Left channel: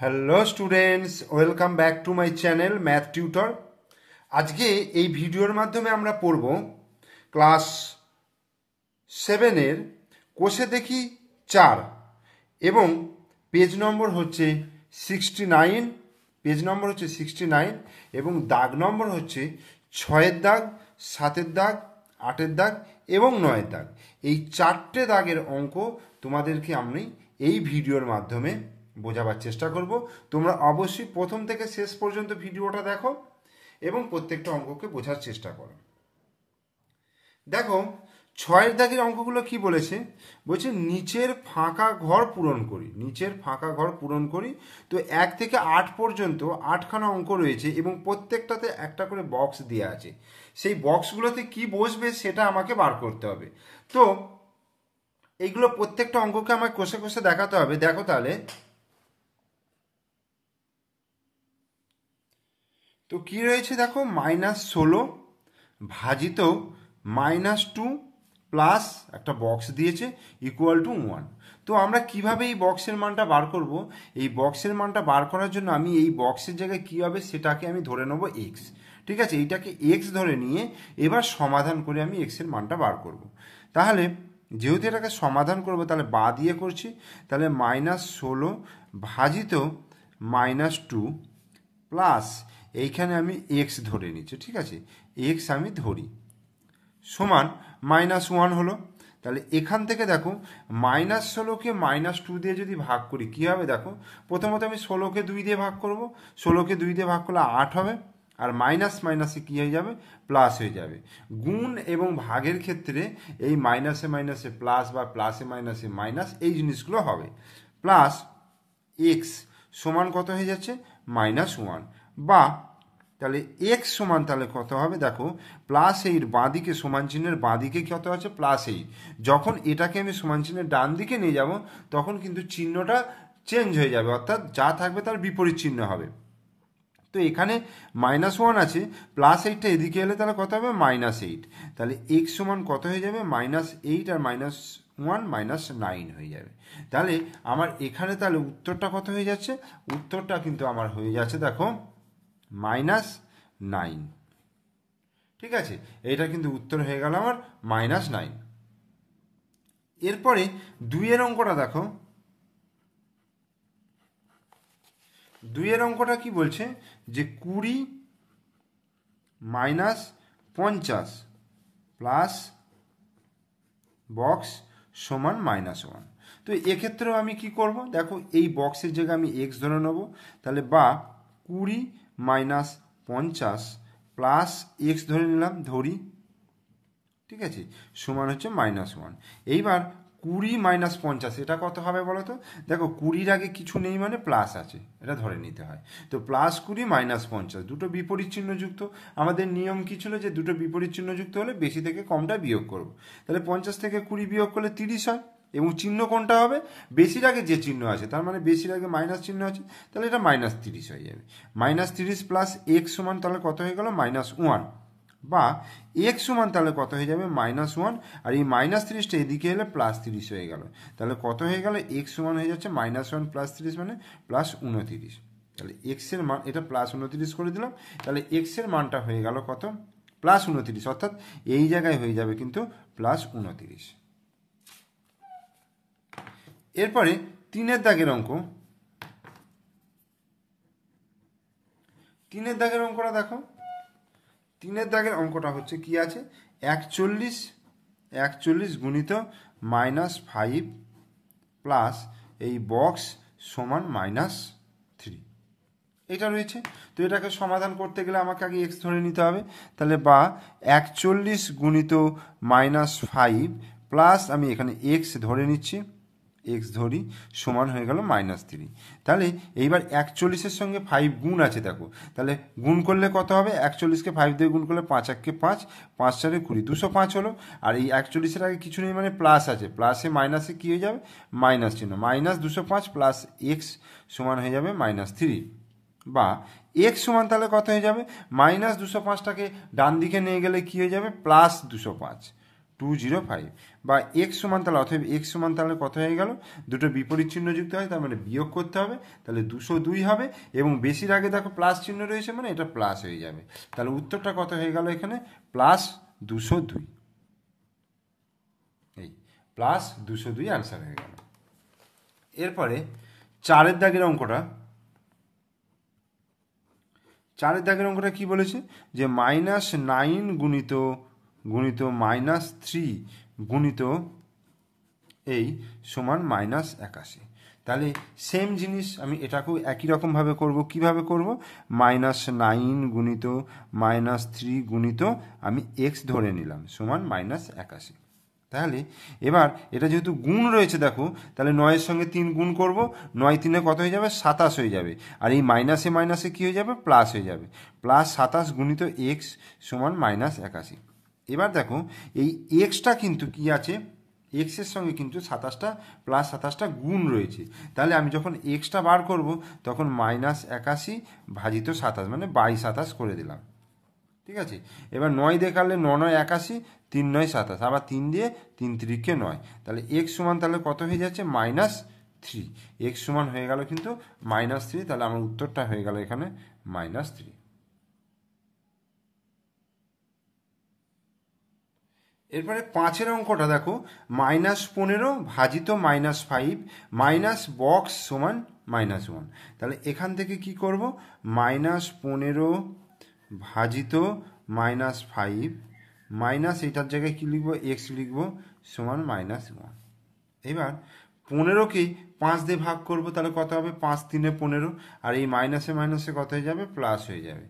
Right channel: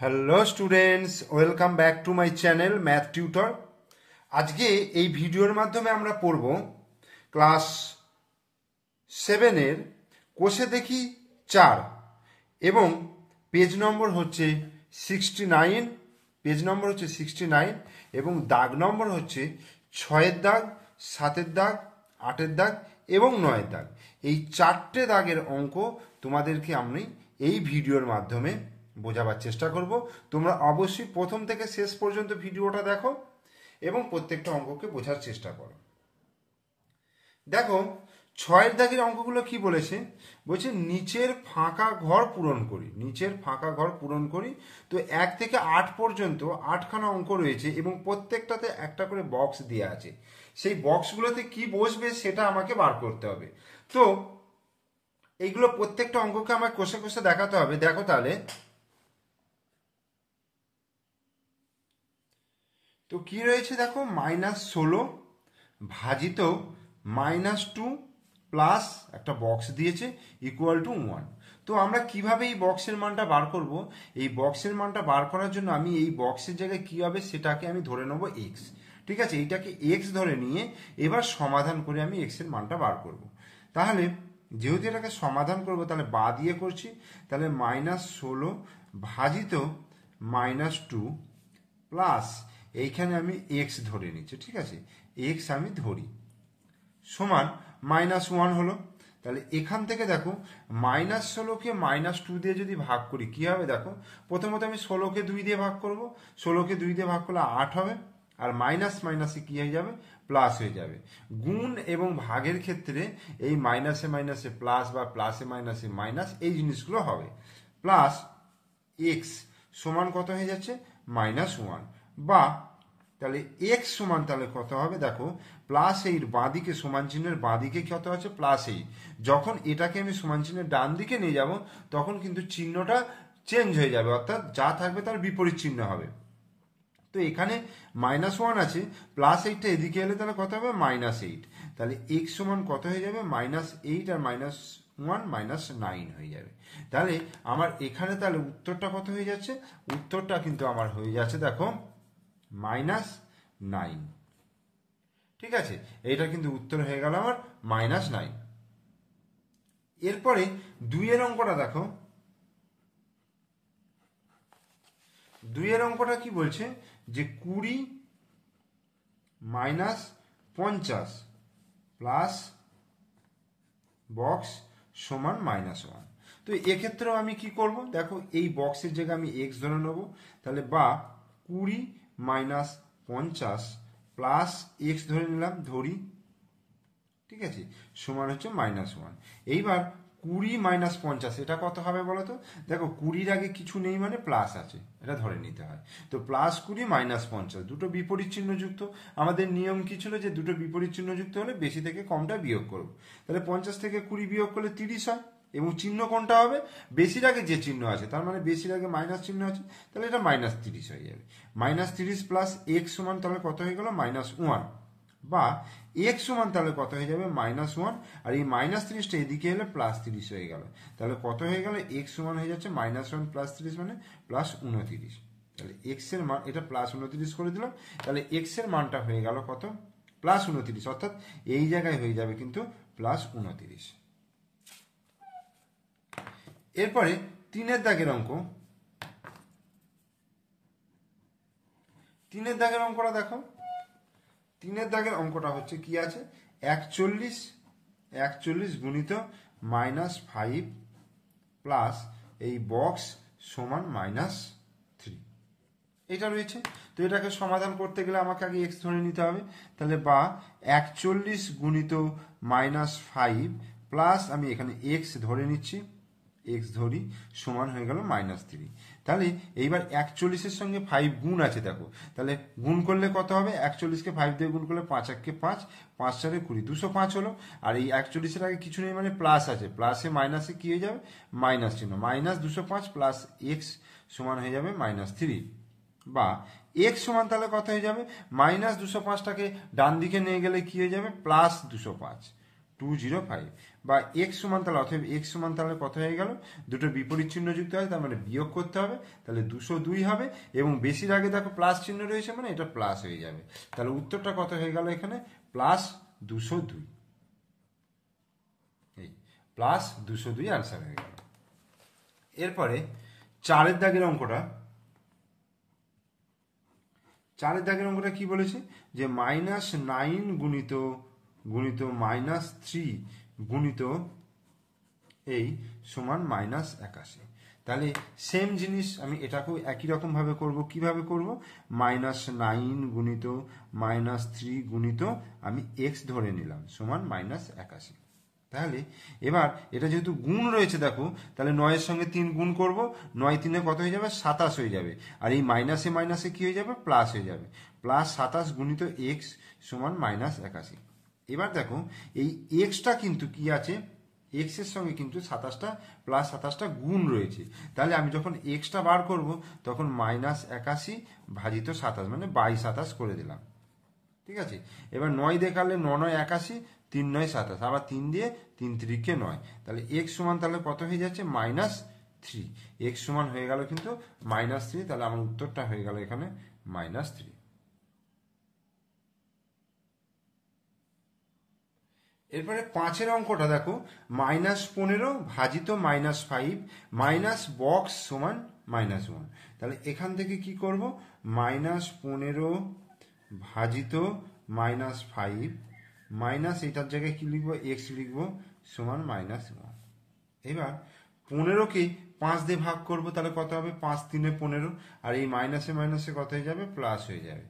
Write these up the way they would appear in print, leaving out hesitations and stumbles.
Hello students, welcome back to my channel math tutor. আজকে এই ভিডিওর মাধ্যমে আমরা পড়ব ক্লাস 7-এর কোষে দেখি 4 এবং পেজ নম্বর হচ্ছে 69, এবং দাগ নম্বর হচ্ছে 6-এর দাগ, 7-এর দাগ, 8-এর দাগ এবং 9-এর দাগ। এই 4টে দাগের অঙ্ক তোমাদেরকে আমি এই ভিডিওর মাধ্যমে বোঝাবার চেষ্টা করব। তোমরা অবশ্যই প্রথম থেকে শেষ পর্যন্ত ভিডিওটা দেখো এবং প্রত্যেকটা অঙ্ককে বোঝার চেষ্টা করো। দেখো 6-এর দাগের অঙ্কগুলো কি বলেছে, বলছে নিচের ফাঁকা ঘর পূরণ করি। তো 1 থেকে 8 পর্যন্ত 8খানা অঙ্ক রয়েছে এবং প্রত্যেকটাতে একটা করে বক্স দেওয়া আছে। সেই বক্সগুলোতে কি বসবে সেটা আমাকে বার করতে হবে। তো এইগুলো প্রত্যেকটা অঙ্ককে আমাকে কষে কষে দেখাতে হবে। দেখো তাহলে তো কি রয়েছে, দেখো -16 ভাজিত -2 প্লাস একটা বক্স দিয়েছে ইকুয়াল টু 1। তো আমরা কিভাবে এই বক্সের মানটা বার করব? এই বক্সের মানটা বার করার জন্য আমি এই বক্সের জায়গায় কি হবে সেটাকে আমি ধরে নেব এক্স। ঠিক আছে, এইটাকে এক্স ধরে নিয়ে এবার সমাধান করে আমি এক্স এর মানটা বার করব। তাহলে যেহেতু এটাকে সমাধান করব তাহলে বা দিয়ে করছি, তাহলে -16 ভাজিত -2 প্লাস এইখানে আমি এক্স ধরে নিচ্ছি। ঠিক আছে, এক্স আমি ধরি সমান -1 হলো। তাহলে এখান থেকে দেখো -16কে -2 দিয়ে যদি ভাগ করি কি হবে, দেখো প্রথমত আমি 16কে 2 দিয়ে ভাগ করব, 16কে 2 দিয়ে ভাগ করলে 8 হবে, আর মাইনাস মাইনাসে কি হয়ে যাবে, প্লাস হয়ে যাবে। গুণ এবং ভাগের ক্ষেত্রে এই মাইনাসে মাইনাসে প্লাস বা প্লাসে মাইনাসে মাইনাস এই জিনিসগুলো হবে। প্লাস এক্স সমান কত হয়ে যাচ্ছে, -1, বা তাহলে এক্স সমান তাহলে কত হবে, দেখো +8 বাঁদিকে সমান চিহ্নের বাঁদিকে কত আছে, +8। যখন এটাকে আমি সমান চিহ্নের ডান দিকে নিয়ে যাব তখন কিন্তু চিহ্নটা চেঞ্জ হয়ে যাবে, অর্থাৎ যা থাকবে তার বিপরীত চিহ্ন হবে। তো এখানে -1 আছে, +8টা এদিকে এলে তাহলে কত হবে, -8। তাহলে এক্স সমান কত হয়ে যাবে, -8 আর -1 -9 হয়ে যাবে। তাহলে আমার এখানে তাহলে উত্তরটা কত হয়ে যাচ্ছে, উত্তরটা কিন্তু আমার হয়ে যাচ্ছে দেখো -9। ঠিক আছে, এটা কিন্তু উত্তর হয়ে গেল আমার -9। এরপরে 2-এর অঙ্কটা দেখো, 2-এর অঙ্কটা কি বলছে যে 20 - 50 প্লাস বক্স সমান -1। তো এক্ষেত্রেও আমি কি করব, দেখো এই বক্সের জায়গায় আমি এক্স ধরে নেব, তাহলে বা 20 - 50 প্লাস এক্স ধরে নিলাম, ধরি। ঠিক আছে, সমান হচ্ছে -1। এইবার 20 - 50 এটা কত হবে বলো তো, দেখো 20-র আগে কিছু নেই মানে প্লাস আছে, এটা ধরে নিতে হয়। তো +20 - 50 দুটো বিপরীত চিহ্নযুক্ত। আমাদের নিয়ম কি ছিল যে দুটো বিপরীত চিহ্নযুক্ত হলে বেশি থেকে কমটা বিয়োগ করব। তাহলে 50 থেকে 20 বিয়োগ করলে 30 হয়, এবং চিহ্ন কোনটা হবে, বেশির আগে যে চিহ্ন আছে, তার মানে বেশির আগে মাইনাস চিহ্ন আছে, তাহলে এটা -30 হয়ে যাবে। -30 প্লাস এক্স সমান তাহলে কত হয়ে গেল, -1, বা এক্স সমান তাহলে কত হয়ে যাবে, -1, আর এই -30টা এদিকে এলে +30 হয়ে গেল। তাহলে কত হয়ে গেল, এক্স সমান হয়ে যাচ্ছে -1 + 30 মানে +29। তাহলে এক্স এর মান, এটা +29 করে দিলাম, তাহলে এক্স এর মানটা হয়ে গেল কত, +29, অর্থাৎ এই জায়গায় হয়ে যাবে কিন্তু +29। এরপরে 3-এর দাগের অঙ্ক, 3-এর দাগের অঙ্কটা দেখো। 3-এর দাগের অঙ্কটা হচ্ছে কি আছে, 41 গুণিত -5 প্লাস এই বক্স সমান -3 এটা রয়েছে। তো এটাকে সমাধান করতে গেলে আমাকে আগে এক্স ধরে নিতে হবে। তাহলে বা 41 গুণিত -5 প্লাস আমি এখানে এক্স ধরে নিচ্ছি, এক্স ধরি, সমান হয়ে গেল -3। তাহলে এইবার 41-এর সঙ্গে 5 গুণ আছে, দেখো তাহলে গুণ করলে কত হবে, 41কে 5 দিয়ে গুণ করলে 5 × 5 5 × 4 = 20, 205 হলো। আর এই 41-এর আগে কিছু নেই মানে প্লাস আছে, প্লাসে মাইনাসে কি হয়ে যাবে, মাইনাস চিহ্ন, -205 প্লাস এক্স সমান হয়ে যাবে -3, বা এক্স সমান তাহলে কত হয়ে যাবে, -205টাকে ডান দিকে নিয়ে গেলে কি হয়ে যাবে, +205, 205, বা এক্স সমান তাহলে অথবা এক্স সমান তাহলে কত হয়ে গেল, দুটো বিপরীত চিহ্ন যুক্ত হয় তার মানে বিয়োগ করতে হবে, তাহলে 202 হবে এবং বেশির আগে দেখো প্লাস চিহ্ন রয়েছে মানে এটা প্লাস হয়ে যাবে, তাহলে উত্তরটা কত হয়ে গেল এখানে প্লাস 202, এই প্লাস 202 আনসার হয়ে গেল। এরপরে 4 দাগের অঙ্কটা, 4 দাগের অঙ্কটা কি বলেছে যে -9 গুণিত গুণিত -3 গুণিত এই সমান -81, তাহলে সেম জিনিস আমি এটাকেও একই রকমভাবে করব। কিভাবে করব, -9 গুণিত -3 গুণিত আমি এক্স ধরে নিলাম সমান -81, তাহলে এবার এটা যেহেতু গুণ রয়েছে দেখো, তাহলে 9-এর সঙ্গে 3 গুণ করব, 9-3 কত হয়ে যাবে 27 হয়ে যাবে, আর এই মাইনাসে মাইনাসে কি হয়ে যাবে প্লাস হয়ে যাবে, +27 গুণিত এক্স সমান -81। এবার দেখো এই এক্সটা কিন্তু কি আছে, এক্সের সঙ্গে কিন্তু 27টা +27টা গুণ রয়েছে, তাহলে আমি যখন এক্সটা বার করব তখন -81 ভাজিত 27 মানে 22-27 করে দিলাম, ঠিক আছে। এবার 9 দিয়ে কাটলে 9-9 81, 3-9 27, আবার 3 দিয়ে 3 3-কে 9, তাহলে এক্স সমান তাহলে কত হয়ে যাচ্ছে -3, এক্স সমান হয়ে গেল কিন্তু -3, তাহলে আমার উত্তরটা হয়ে গেল এখানে -3। এরপরে 5-এর অঙ্কটা দেখো, -15 ভাজিত -5 মাইনাস বক্স সমান -1, তাহলে এখান থেকে কি করব, -15 ভাজিত -5 মাইনাস এটার জায়গায় কি লিখবো এক্স লিখবো সমান -1। এবার 15কে 5 দিয়ে ভাগ করব, তাহলে কত হবে 5-3-15, আর এই মাইনাসে মাইনাসে কত হয়ে যাবে প্লাস হয়ে যাবে,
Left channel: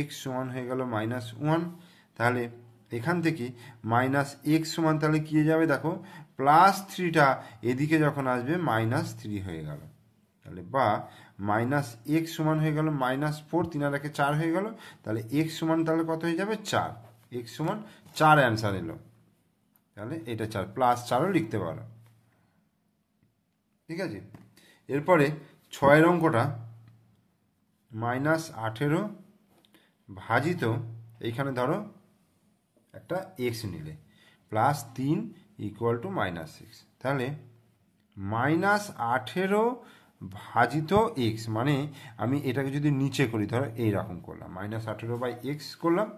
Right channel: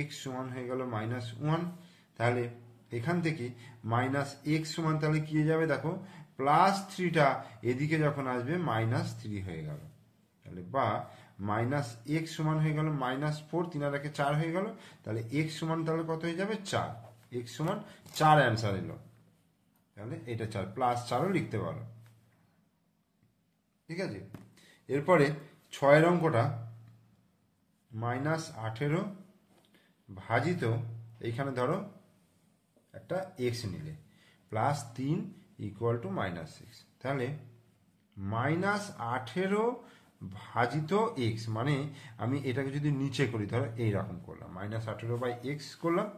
-x সমান হয়ে গেল -1, তাহলে এখান থেকে -x সমান তাহলে কি হয়ে যাবে দেখো +3টা এদিকে যখন আসবে -3 হয়ে গেল, তাহলে বা -x সমান হয়ে গেল -4, 3 আর 1 4 হয়ে গেল, তাহলে x সমান তাহলে কত হয়ে যাবে 4, x সমান 4 অ্যান্সার এলো, তাহলে এটা 4 +4ও লিখতে পারো, ঠিক আছে। এরপরে 6-এর অঙ্কটা, -18 ভাজিত এইখানে ধরো একটা এক্স নিলে +3 = -6, তাহলে -18 ভাজিত এক্স মানে আমি এটাকে যদি নিচে করি ধরো এইরকম করলাম -18/x করলাম,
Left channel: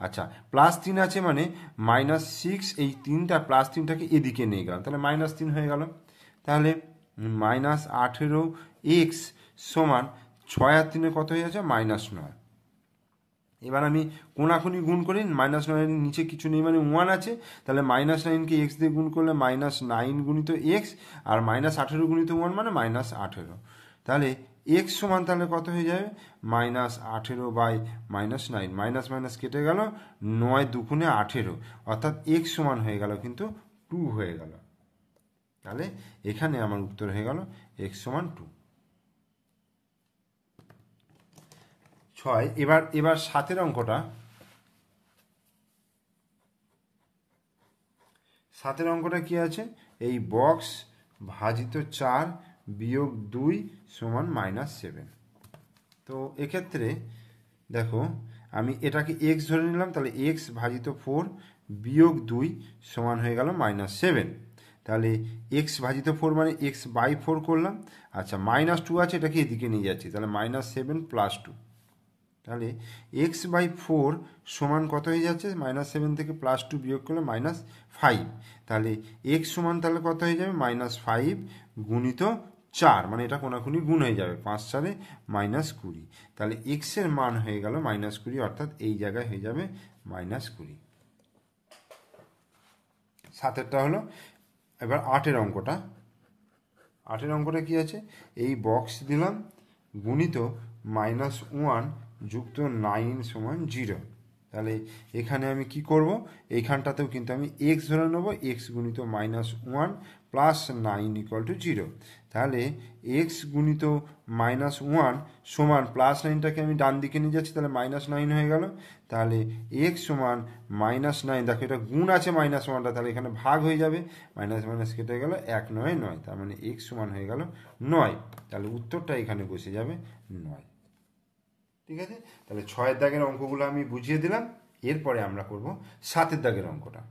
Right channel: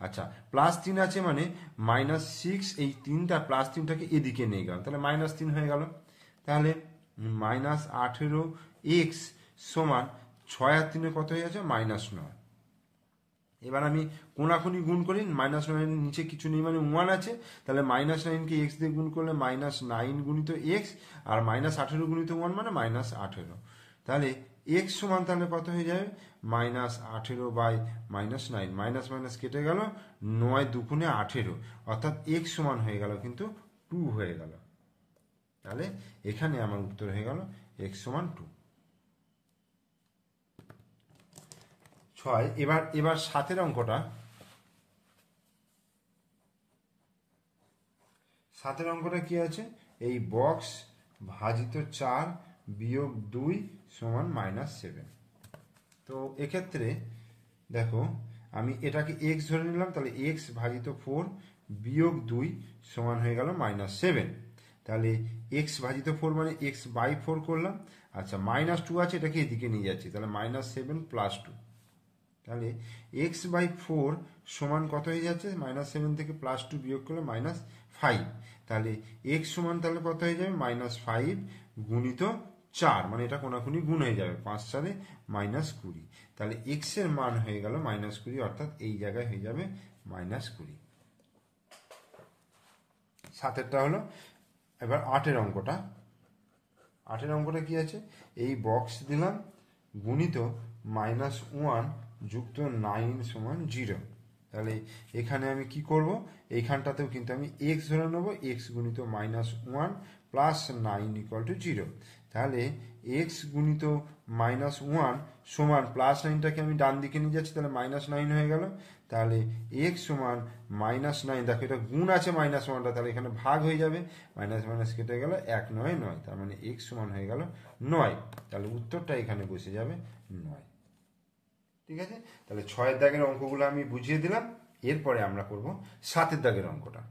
আচ্ছা +3 আছে মানে -6, এই 3টা +3টাকে এদিকে নিয়ে গেলাম, তাহলে -3 হয়ে গেল, তাহলে -18x সমান 6 আর 3 কত হয়ে যাচ্ছে -9। এবার আমি কোনাকুনি গুণ করি, -9 এর নিচে কিছু নেই মানে 1 আছে, তাহলে -9কে x দিয়ে গুণ করলে -9 গুণিত x, আর -18 গুণিত 1 মানে -18, তাহলে x সমান তাহলে কত হয়ে যাবে -18/-9, মাইনাস মাইনাস কেটে গেল, 9 2 18, অর্থাৎ x সমান হয়ে গেল কিন্তু 2 হয়ে গেল, তাহলে এখানে আমার উত্তর হয়ে গেল x সমান 2। 6 এবার 7-এর অঙ্কটা, 7-এর অঙ্কটা কি আছে, এই বক্স ভাজিত 4 বিয়োগ 2 সমান -7, তো এক্ষেত্রে দেখো আমি এটাকে x ধরে নিলাম, তাহলে x ভাজিত 4 বিয়োগ 2 সমান হয়ে গেল -7, তাহলে x ভাজিত 4 মানে x/4 করলাম, আচ্ছা -2 আছে এটাকে এদিকে নিয়ে যাচ্ছি, তাহলে -7 + 2, তাহলে x/4 সমান কত হয়ে যাচ্ছে, -7 থেকে +2 বিয়োগ করলে -5, তাহলে x সমান তাহলে কত হয়ে যাবে -5 গুণিত 4, মানে এটা কোনাকুনি গুণ হয়ে যাবে, 5 4 -20, তাহলে x এর মান হয়ে গেল -20, অর্থাৎ এই জায়গায় হয়ে যাবে -20। 7-এরটা হলো। এবার 8-এর অঙ্কটা, 8-এর অঙ্কটা কি আছে, এই বক্স দিলাম গুণিত -1 যুক্ত 9 সমান 0, তাহলে এখানে আমি কি করব, এইখানটাতেও কিন্তু আমি x ধরে নেব, x গুণিত -1 প্লাস 9 = 0, তাহলে x গুণিত -1 সমান +9টাকে আমি ডান দিকে নিয়ে যাচ্ছি, তাহলে -9 হয়ে গেল, তাহলে x সমান -9, দেখো এটা গুণ আছে -1টা, তাহলে এখানে ভাগ হয়ে যাবে, মাইনাস মাইনাস কেটে গেল, 1 9 9, তার মানে x সমান হয়ে গেল 9, তাহলে উত্তরটা এখানে বসে যাবে 9, ঠিক আছে। তাহলে 6-এর দাগের অঙ্কগুলো আমি বুঝিয়ে দিলাম, এরপরে আমরা করব 7-এর দাগের অঙ্কটা।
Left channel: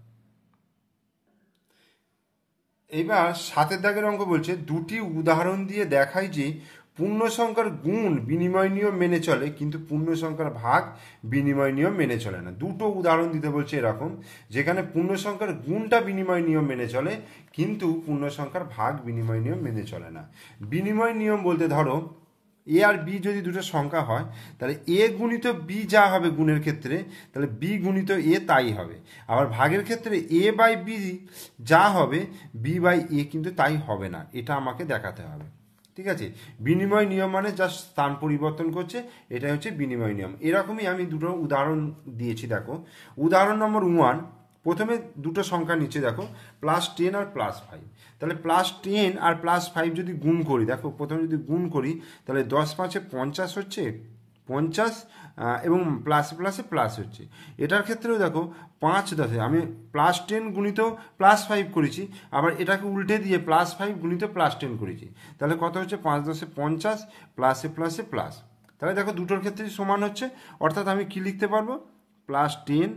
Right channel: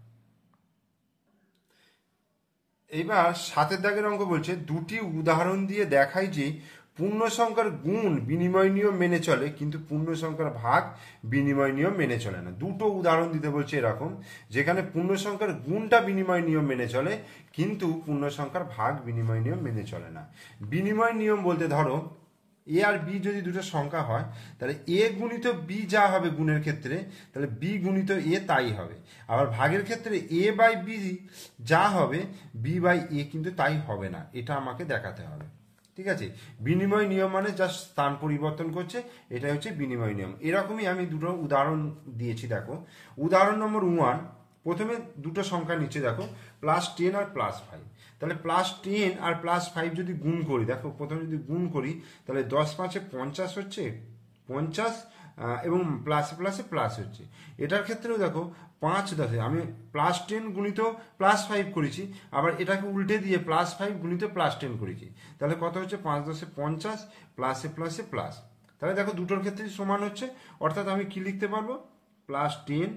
এবার 7 দাগের অঙ্ক বলছে দুটি উদাহরণ দিয়ে দেখায় যে পূর্ণ সংখ্যার গুণ বিনিময় নিয়ম মেনে চলে কিন্তু পূর্ণ সংখ্যার ভাগ বিনিময় নিয়ম মেনে চলে না। দুটো উদাহরণ দিতে বলছে এরকম, যেখানে পূর্ণ সংখ্যার গুণটা বিনিময় নিয়ম মেনে চলে কিন্তু পূর্ণ সংখ্যার ভাগ বিনিময় নিয়ম মেনে চলে না। বিনিময় নিয়ম বলতে ধরো এ আর বি যদি দুটো সংখ্যা হয় তাহলে এ গুণিত বি যা হবে গুণের ক্ষেত্রে তাহলে বি গুণিত এ তাই হবে, আবার ভাগের ক্ষেত্রে এ বাই বি যা হবে বি বাই এ কিন্তু তাই হবে না, এটা আমাকে দেখাতে হবে। ঠিক আছে, বিনিময় নিয়ম মানে যা স্থান পরিবর্তন করছে এটা হচ্ছে বিনিময় নিয়ম। এরকমই আমি দুটো উদাহরণ দিয়েছি। দেখো উদাহরণ নম্বর 1, প্রথমে দুটো সংখ্যা নিচে দেখো +10 আর +5, তাহলে +10 আর +5 যদি গুণ করি, দেখো প্রথমে যদি গুণ করি তাহলে 10 5 50 হচ্ছে 50 এবং প্লাসে প্লাসে প্লাস হচ্ছে। এটার ক্ষেত্রেও দেখো 5 10 আমি +10 গুণিত +5 করেছি, আবার এটাকে উল্টে দিয়ে +5 গুণিত +10 করেছি, তাহলে কত হচ্ছে 5 10 50 প্লাসে প্লাসে প্লাস। তাহলে দেখো দুটোর ক্ষেত্রেই সমান হচ্ছে, অর্থাৎ আমি কি লিখতে পারবো +10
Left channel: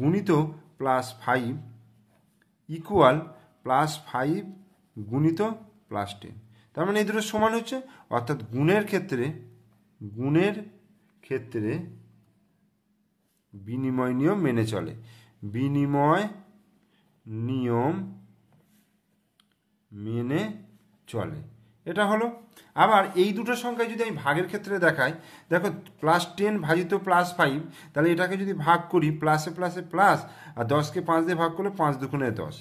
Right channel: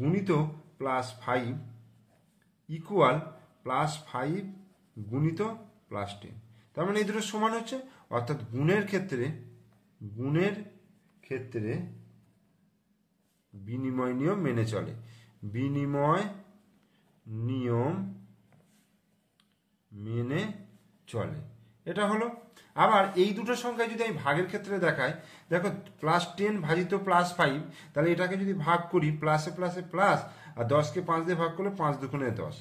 গুণিত +5 ইকুয়াল +5 গুণিত +10। তার মানে এই দুটো সমান হচ্ছে, অর্থাৎ গুণের ক্ষেত্রে বিনিময় নিয়ম মেনে চলে, বিনিময় নিয়ম মেনে চলে, এটা হলো। আবার এই দুটো সংখ্যায় যদি আমি ভাগের ক্ষেত্রে দেখাই, দেখো +10 ভাজিত +5, তাহলে এটাকে যদি ভাগ করি প্লাসে প্লাসে প্লাস, আর 10কে 5 দিয়ে ভাগ করলে 5 দুগুণে 10,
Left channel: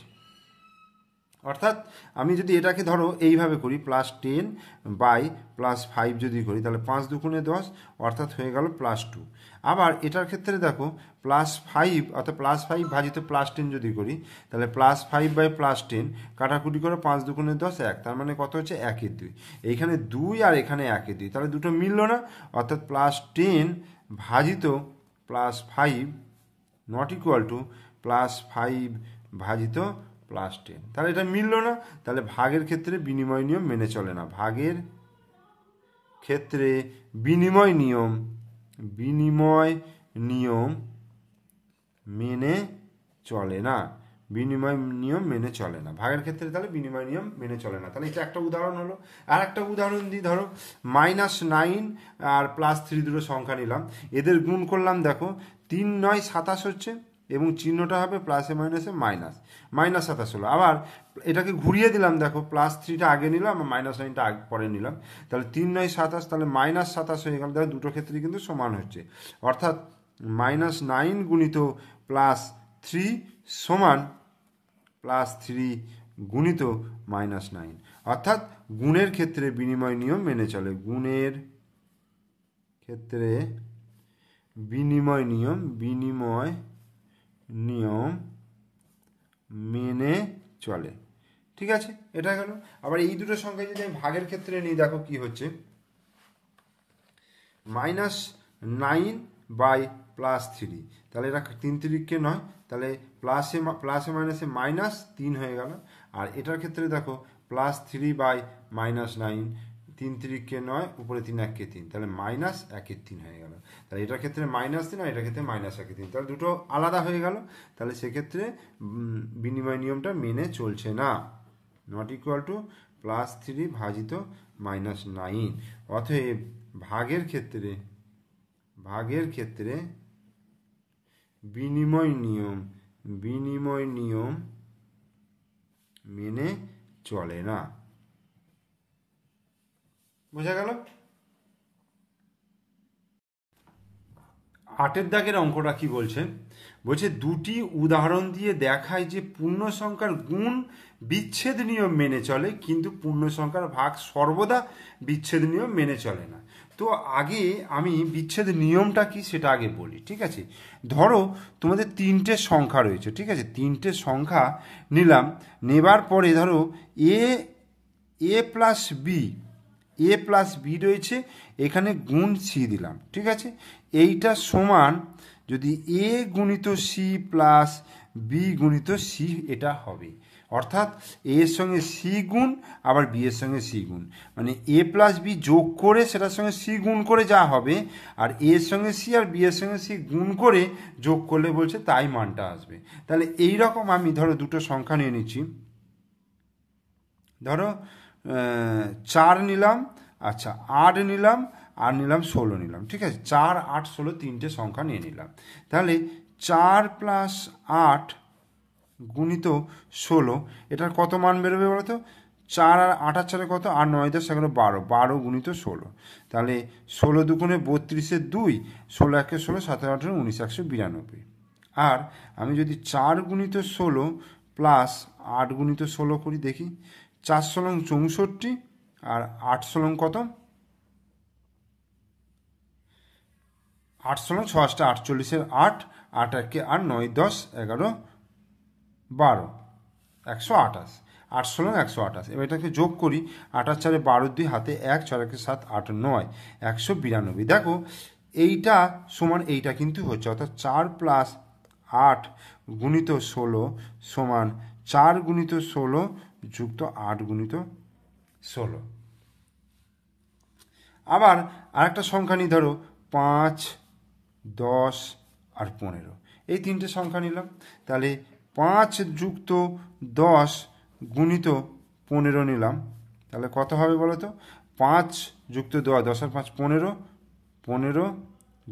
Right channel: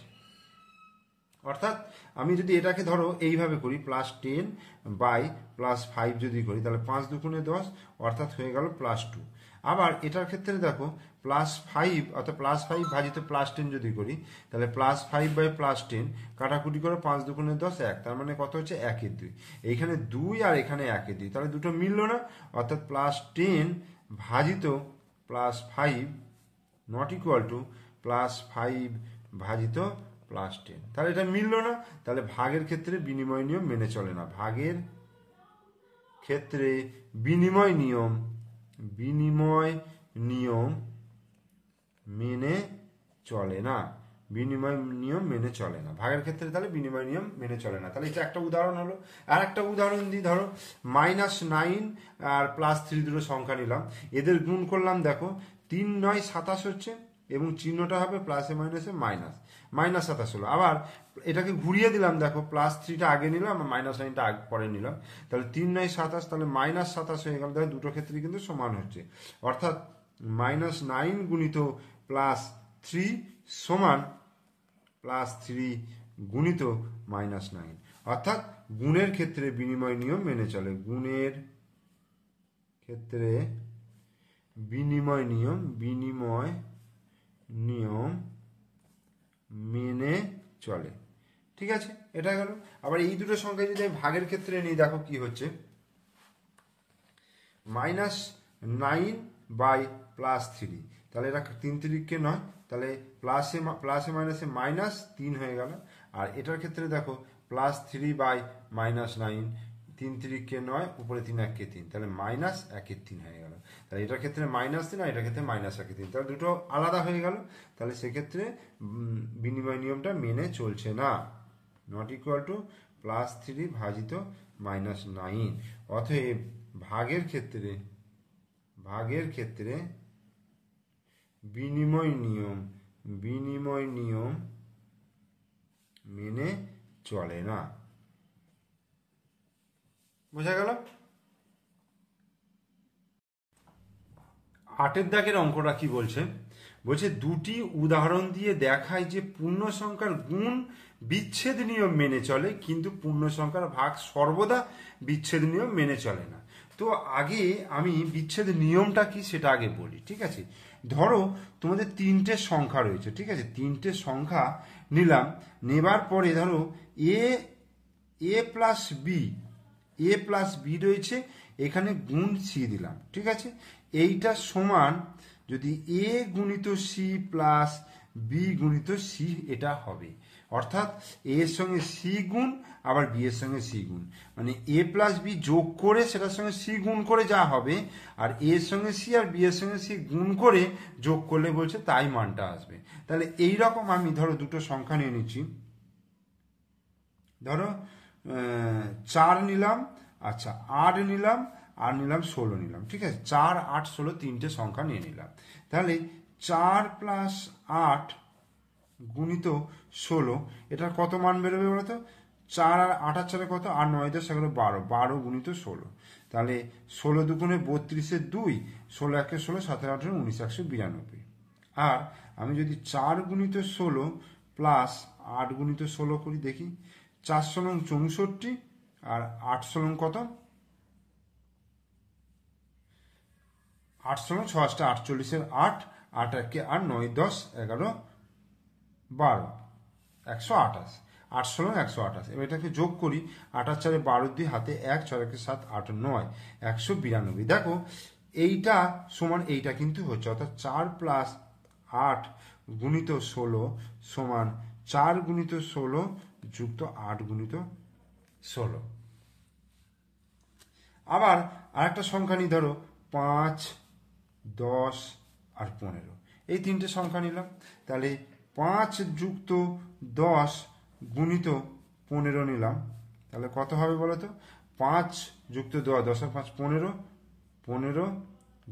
অর্থাৎ আমি যদি এটাকে ধরো এইভাবে করি +10 বাই +5 যদি করি তাহলে 5 দুগুণে 10, অর্থাৎ হয়ে গেল +2। আবার এটার ক্ষেত্রে দেখো +5 অর্থাৎ +5 ভাজিত +10 যদি করি তাহলে +5 বাই +10 কাটাকুটি করে 5 দুগুণে 10 1, তার মানে কত হচ্ছে 1 2, এইখানে 2 আর এখানে 1 2, তাহলে দুটো মিললো না, অর্থাৎ +10 ভাজিত +5 নট ইকুয়াল টু +5 ভাজিত +10, তাহলে এটা মিললো না, তাহলে ভাগের ক্ষেত্রে বিনিময় নিয়ম মেনে চলে না, ভাগের ক্ষেত্রে বিনিময় নিয়ম মেনে চলে না, বিনিময় নিয়ম মেনে চলে না ভাগের ক্ষেত্রে, তাহলে বিনিময় নিয়ম মেনে চলে না। তাহলে এটা একটা উদাহরণ হলো। আর একটা উদাহরণ দিই, ধরো -9 আর +3 দুটো সংখ্যা নিলাম, এদের গুণ করলাম, দেখো 3 9 27 হচ্ছে এবং চিহ্নটা হবে প্লাসে মাইনাসে -27 হলো। আবার এটাকে ঘুরিয়ে দিলাম, দেখো +3টা আগে নিলাম আর -9টা আগে পরে নিলাম, তাহলে 3 9 27, তাহলে -27 হয়ে গেল। দেখো দুটো ক্ষেত্রে কিন্তু সমান হচ্ছে, অর্থাৎ -9 গুণিত +3 সমান +3 গুণিত -9, অর্থাৎ গুণের ক্ষেত্রে বিনিময় নিয়ম মেনে চলে, গুণের ক্ষেত্রে বিনিময় নিয়ম মেনে চলে। ঠিক আছে, এটা গেল। আবার এই দুটো সংখ্যা যদি আমি ভাগের ক্ষেত্রে নিই, দেখো কি হচ্ছে -9 বাই +3, তাহলে এটা 3 3 9, তাহলে প্লাসে মাইনাসে -3 হয়ে গেল। আর এটার ক্ষেত্রে দেখো +3 বাই -9, 3 3 9, উপরে 3 1 3, তাহলে -1 3 হয়ে গেল। তাহলে এটার ক্ষেত্রে -3 আর এটার ক্ষেত্রে -1 3, তাহলে দুটো আলাদা হয়ে গেল, তাহলে সেক্ষেত্রে বিনিময় নিয়মটা মেনে চলছে না, নট ইকুয়াল টু +3 ভাজিত -9। অতএব ভাগের ক্ষেত্রে বিনিময় নিয়ম মেনে চলে না। বোঝা গেল? 8 দাগের অঙ্কটা কি বলছে, বলছে দুটি উদাহরণ দিয়ে দেখায় যে পূর্ণ সংখ্যার গুণ বিচ্ছেদ নিয়ম মেনে চলে কিন্তু পূর্ণ সংখ্যার ভাগ সর্বদা বিচ্ছেদ নিয়ম মেনে চলে না। তো আগে আমি বিচ্ছেদ নিয়মটা কি সেটা আগে বলি। ঠিক আছে, ধরো তোমাদের 3টে সংখ্যা রয়েছে, ঠিক আছে, 3টে সংখ্যা নিলাম, নেবার পরে ধরো এ প্লাস বি রয়েছে, এখানে গুণ সি দিলাম। ঠিক আছে, এইটা সমান যদি এ গুণিত সি প্লাস বি গুণিত সি এটা হবে, অর্থাৎ এ এর সঙ্গে সি গুণ আবার বি এর সঙ্গে সি গুণ, মানে এ প্লাস বি যোগ করে সেটার সঙ্গে সি গুণ করে যা হবে, আর এ এর সঙ্গে সি আর বি এর সঙ্গে সি গুণ করে যোগ করলে বলছে তাই মানটা আসবে। তাহলে এই রকম আমি ধরো দুটো সংখ্যা নিয়ে নিচ্ছি, ধরো 4 নিলাম, আচ্ছা 8 নিলাম, আর নিলাম 16 নিলাম, ঠিক আছে, 4 8 16 তিনটে সংখ্যা নিয়ে নিলাম। তাহলে 4 প্লাস 8 গুণিত 16, এটার কত মান বেরোবে বলো তো? 4 আর 8 আর 4 কত? 8 9 10 11 12, 12 গুণিত 16, তাহলে 16 দুগুণে 32 2, 16 1 16, 17 18 19 192। আর আমি যদি 4 গুণিত 16 প্লাস 8 গুণিত 16 করি, দেখি 4 16 64, আর 8 16 কত? 8 16 6 8 48, 8 8 1 8 9 10 11 12, 128, 8 16 128। এবার এটাকে যোগ করি, 8 আর 4 12, 2 হাতে 1, 6 1 7 8 9 192। দেখো এইটা সমান এইটা কিন্তু হচ্ছে, অর্থাৎ 4 প্লাস 8 গুণিত 16 সমান 4 গুণিত 16 যুক্ত 8 গুণিত 16। আবার আরেকটা সংখ্যা নিই, ধরো 5 10 আর 15, এই তিনটে সংখ্যা নিলাম। তাহলে 5 যুক্ত 10 গুণিত 15 নিলাম, তাহলে কত হবে বলো তো? 5 যুক্ত 10, 10 আর 5 15, 15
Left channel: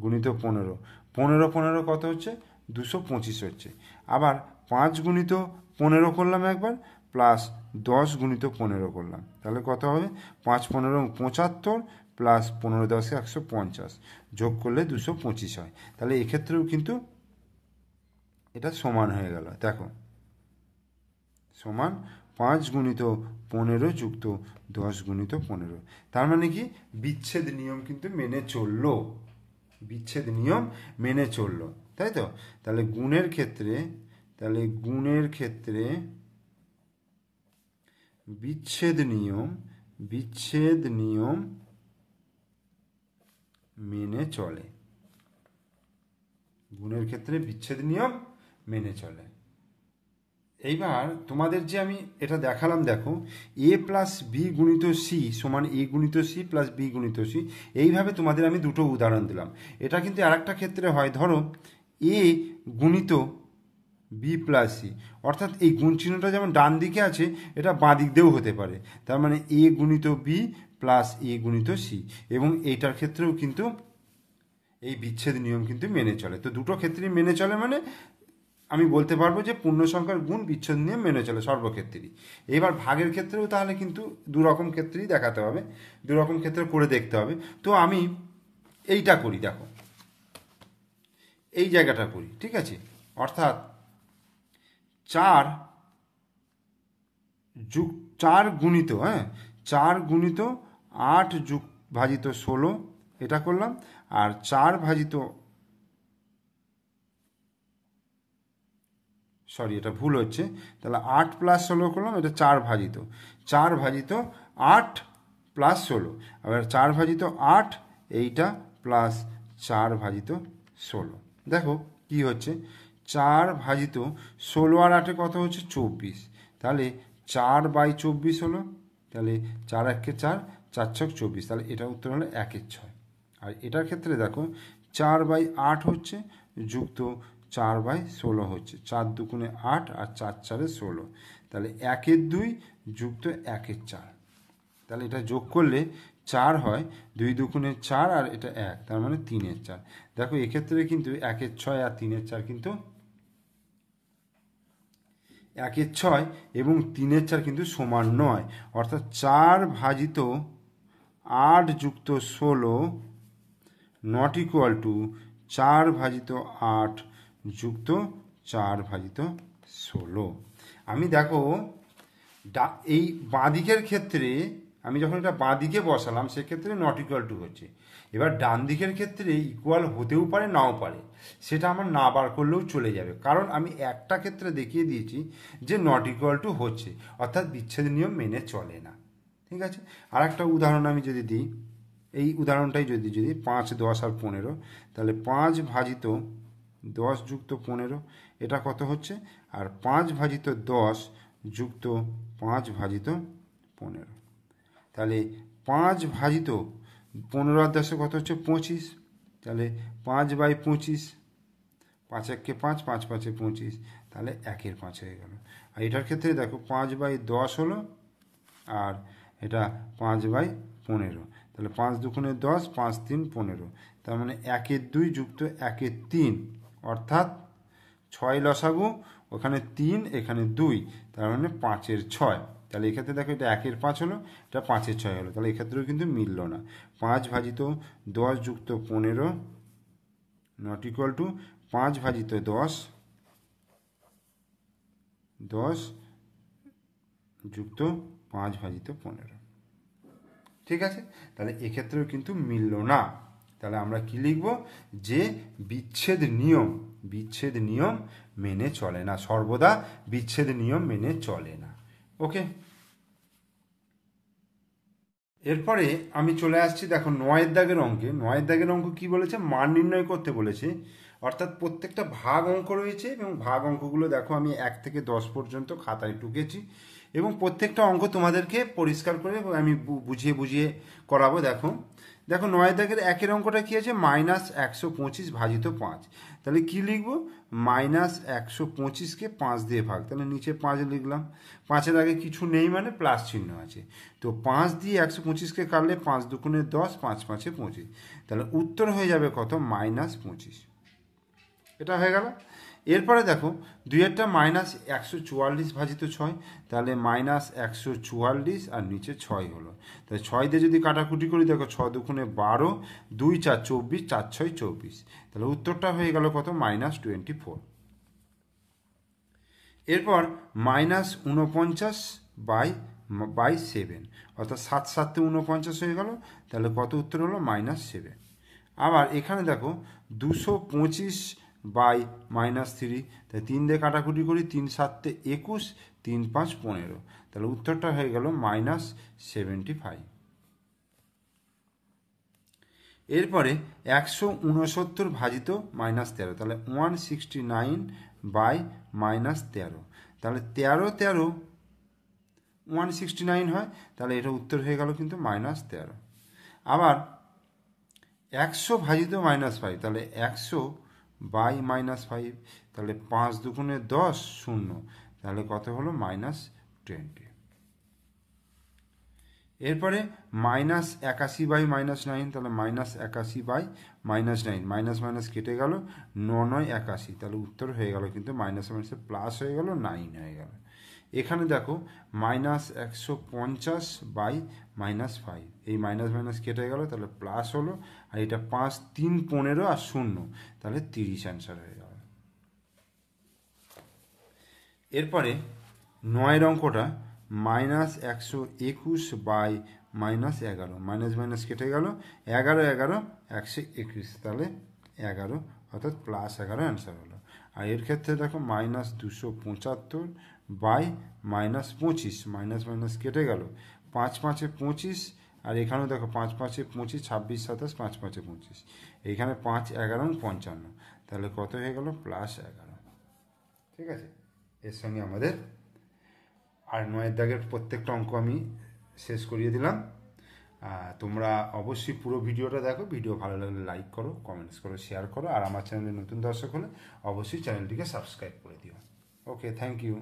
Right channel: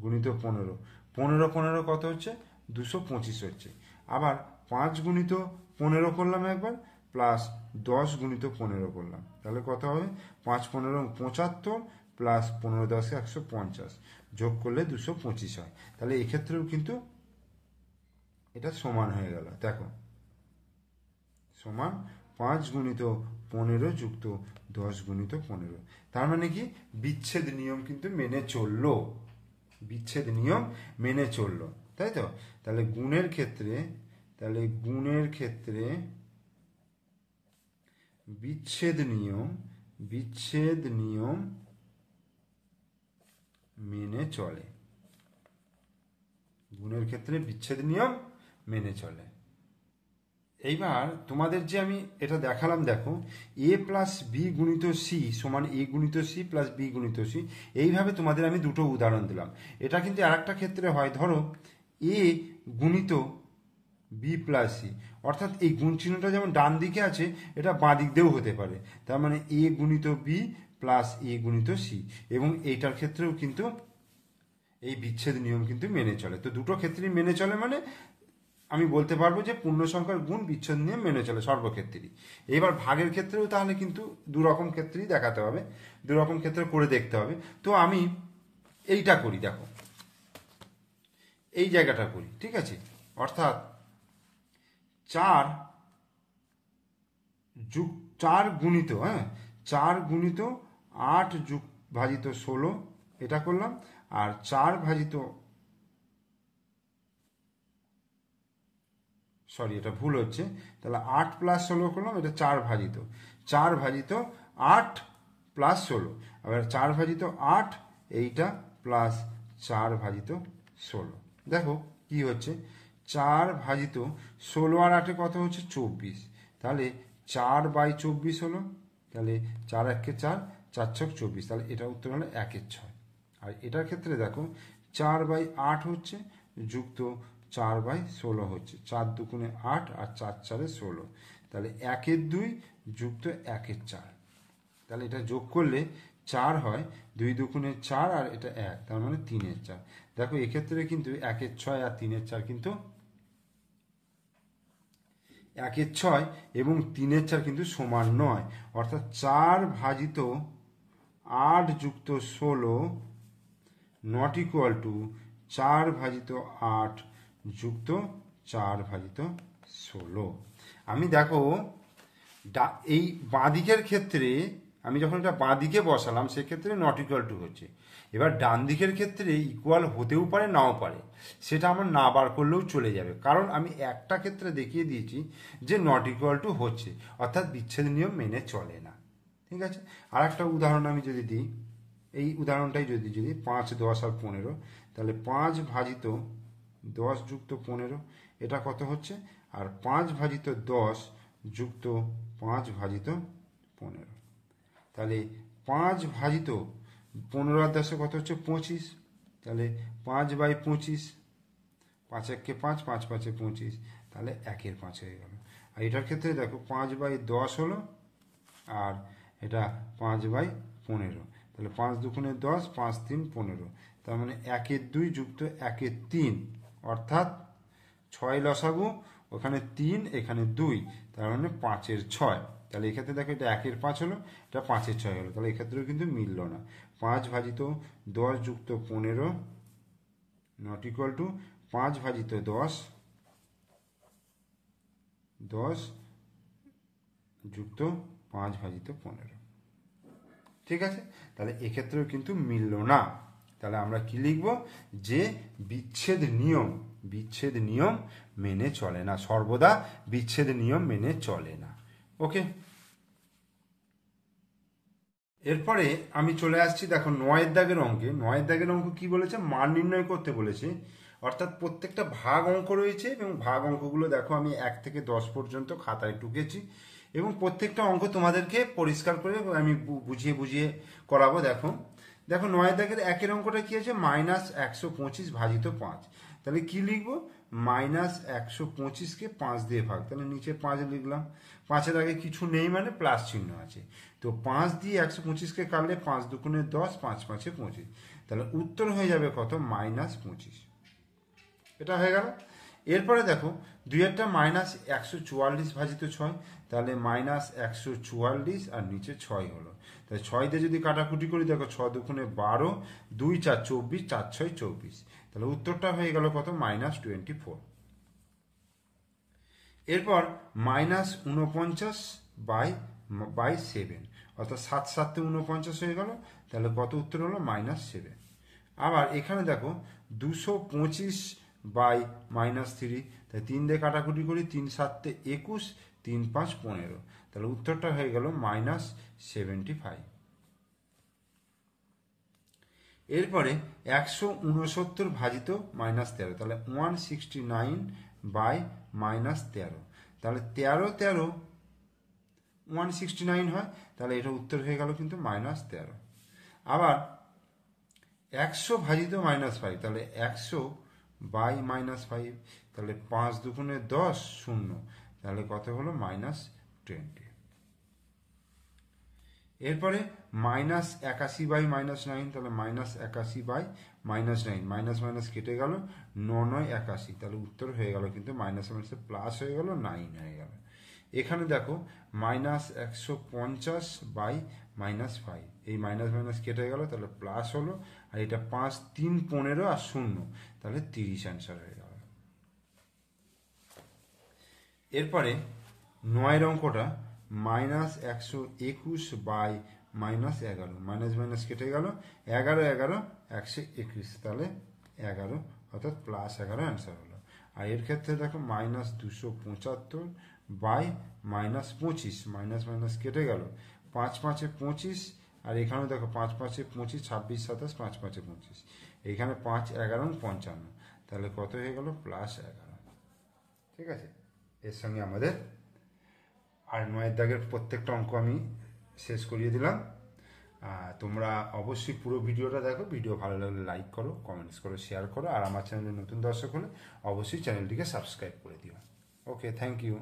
গুণিত 15, 15 15 কত হচ্ছে? 225 হচ্ছে। আবার 5 গুণিত 15 করলাম একবার, প্লাস 10 গুণিত 15 করলাম, তাহলে কত হবে? 5 15 75, প্লাস 15 10 150, যোগ করলে 225 হয়। তাহলে এক্ষেত্রেও কিন্তু এটা সমান হয়ে গেল, দেখো সমান 5 গুণিত 15 যুক্ত 10 গুণিত 15। তার মানে কি? বিচ্ছেদ নিয়ম কিন্তু মেনে চললো, বিচ্ছেদ নিয়ম মেনে চললো, তাই তো? তাহলে গুণের ক্ষেত্রে বিচ্ছেদ নিয়ম মেনে চলে, গুণের ক্ষেত্রে বিচ্ছেদ নিয়ম মেনে চলে। এইবার তোমাদের যে আমি এটা দেখালাম, দেখো এ প্লাস বি গুণিত সি সমান এ গুণিত সি প্লাস বি গুণিত সি, এইভাবে তোমাদের আমি দুটো উদাহরণ দিলাম। এটা কিন্তু আরেকটা ক্ষেত্রে হয়, ধরো এ গুণিত বি প্লাস সি, অর্থাৎ এই গুণ চিহ্নটা যেমন ডান দিকে আছে, এটা বাঁ দিক দিয়েও হতে পারে। তার মানে এ গুণিত বি প্লাস এ গুণিত সি, এবং এইটার ক্ষেত্রেও কিন্তু এই বিচ্ছেদ নিয়ম কিন্তু মেনে চলে। তো দুটো ক্ষেত্রেই মেনে চলে, মানে আমি বলতে পারবো যে পূর্ণ সংখ্যার গুণ বিচ্ছেদ নিয়ম মেনে চলে সর্বক্ষেত্রেই। এবার ভাগের ক্ষেত্রেও তাহলে কিন্তু দুরকম ক্ষেত্রেই দেখাতে হবে, দুরকম ক্ষেত্রে করে দেখতে হবে। তো আমি এইটা করি, দেখো এই জায়গাটা করি, ঠিক আছে, অর্থাৎ 4 গুণিত 4 গুণিত 8 যুগ ভাজিত 16, এটা করলাম। আর 4 ভাজিত, সরি এটা ভুল হচ্ছে, তাহলে 8 প্লাস 16 করলাম, এটা 4 ভাজিত 8 প্লাস 16, আবার 4 ভাজিত 8 এইটা, প্লাস 4 ভাজিত 16। দেখো কি হচ্ছে, 4 ভাজিত 16 আর 8 কত হচ্ছে? 24, তাহলে 4/24 হলো, তাহলে 4 1 4, 4 6 24, তাহলে এটা উত্তর হলো 1 6। আর এটার ক্ষেত্রে দেখো 4/8 হচ্ছে, যুক্ত 4/16 হচ্ছে, 4 দুগুণে 8 আর 4 4 16, তাহলে 1 2 যুক্ত 1 4, তাহলে এটা যোগ করলে 4 হয়, 2 দুগুণে 4 আর এটা 1, তার মানে 3 4। দেখো এক্ষেত্রে কিন্তু 1 6 আর 3 4 কিন্তু 1 6 এবং 3 4 কিন্তু সমান নয়, অর্থাৎ 4 ভাজিত 8 যুক্ত 16 নট ইকুয়াল টু 4 ভাজিত 8 যুক্ত 4 ভাজিত 16। আমি দেখো এই বাঁদিকের ক্ষেত্রে আমি যখন এটা বাঁদিকে বসালাম, সেক্ষেত্রে নট ইকুয়াল টু হচ্ছে। এবার ডান দিকের ক্ষেত্রে ইকুয়াল হতেও পারে, নাও পারে, সেটা আমার না বার করলেও চলে যাবে, কারণ আমি একটা ক্ষেত্রে দেখিয়ে দিয়েছি যে নট ইকুয়াল টু হচ্ছে, অর্থাৎ বিচ্ছেদ নিয়ম মেনে চলে না। ঠিক আছে, আর একটা উদাহরণ আমি যদি দিই, এই উদাহরণটাই যদি 5 10 আর 15, তাহলে 5 ভাজিত 10 যুক্ত 15, এটা কত হচ্ছে? আর 5 ভাজিত 10 যুক্ত 5 ভাজিত 15, তাহলে 5 ভাজিত 15 আর 10 কত হচ্ছে? 25, তাহলে 5/25, 5 1 5, 5 5 25, তাহলে 1 5 হয়ে গেল। আর এটার ক্ষেত্রে দেখো 5/10 হলো, আর এটা 5/15, তাহলে 5 দুগুণে 10, 5 3 15, তার মানে 1-এর 2 যুক্ত 1-এর 3, অর্থাৎ 6 লসাগু, ওখানে 3 এখানে 2, তার মানে 5-এর 6। তাহলে এক্ষেত্রে দেখো এটা 1-এর 5 হলো, এটা 5-এর 6 হলো, তাহলে এক্ষেত্রেও কিন্তু মিলল না। 5 ভাজিত 10 যুক্ত 15 নট ইকুয়াল টু 5 ভাজিত 10 যুক্ত 5 ভাজিত 15। ঠিক আছে, তাহলে এক্ষেত্রেও কিন্তু মিলল না। তাহলে আমরা কি লিখব, যে বিচ্ছেদ নিয়ম মেনে চলে না, সর্বদা বিচ্ছেদ নিয়ম মেনে চলে না। ওকে, এরপরে আমি চলে আসছি দেখো 9-এর দাগের অঙ্কে। 9-এর দাগের অঙ্ক কি বলেছে, মান নির্ণয় করতে বলেছে, অর্থাৎ প্রত্যেকটা ভাগ অঙ্ক রয়েছে এবং ভাগ অঙ্কগুলো দেখো আমি 1 থেকে 10 পর্যন্ত খাতায় টুকেছি এবং প্রত্যেকটা অঙ্ক তোমাদেরকে পরিষ্কার করে আমি বুঝিয়ে করাবো। দেখো 9-এর দাগের 1-এর অঙ্কটা কি আছে, -125 ভাজিত 5। তাহলে কি লিখবো, -125কে 5 দিয়ে ভাগ, তাহলে নিচে 5 লিখলাম, 5-এর আগে কিছু নেই মানে প্লাস চিহ্ন আছে, তো 5 দিয়ে 125কে কাটলে 5 দুগুণে 10, 5 5-এ 25, তাহলে উত্তর হয়ে যাবে কত, -25। এটা হয়ে গেল। এরপরে দেখো 2-এরটা -144 ভাজিত 6, তাহলে -144 আর নিচে 6 হলো, তাহলে 6 দিয়ে যদি কাটাকুটি করি দেখো 6 দুগুণে 12, 2 4 24, 4 6 24, তাহলে উত্তরটা হয়ে গেল কত, -24। এরপর -49/7, অর্থাৎ 7 7 49 হয়ে গেল, তাহলে কত উত্তর হলো, -7। আবার এখানে দেখো 225/-3, তাই 3 দিয়ে কাটাকুটি করি, 3 7 21, 3 5 15, তাহলে উত্তরটা হয়ে গেল -75। এরপরে 169 ভাজিত -13, তাহলে 169/-13, তাহলে 13 169 হয়, তাহলে এটা উত্তর হয়ে গেল কিন্তু -13। আবার 100 ভাজিত -5, তাহলে 100/-5, তাহলে 5 দুগুণে 10 0, তাহলে কত হলো, -20। এরপরে -81/-9, তাহলে -81/-9, মাইনাস কেটে গেল, 9 9 81, তাহলে উত্তর হয়ে গেল কিন্তু মাইনাসে প্লাস হয়ে গেল, 9 হয়ে গেল। এখানে দেখো -150/-5, এই মাইনাস কেটে গেল, তাহলে প্লাস হলো, আর এটা 5 3 15 আর 0, তাহলে 30 অ্যান্সার হয়ে গেল। এরপরে 9-এর অঙ্কটা -121/-11, মাইনাস কেটে গেল, 11 11 121, তাহলে 11, অর্থাৎ +11 অ্যান্সার হলো। আর এর ক্ষেত্রে দেখো -275/-25, মাইনাস কেটে গেল, 5 5 25, আর এখানেও দেখো 5 5 25, 26 27, 5 5 25, এইখানে 5 11 55, তাহলে কত হয়ে গেল, +11। ঠিক আছে, এর সঙ্গে আমাদের আর 9-এর দাগের প্রত্যেকটা অঙ্ক আমি শেষ করিয়ে দিলাম। তোমরা অবশ্যই পুরো ভিডিওটা দেখো, ভিডিও ভালো লাগলে লাইক করো, কমেন্টস করো, শেয়ার করো, আর আমার চ্যানেলে নতুন দর্শক হলে অবশ্যই চ্যানেলটিকে সাবস্ক্রাইব করে দিও। ওকে, থ্যাংক ইউ।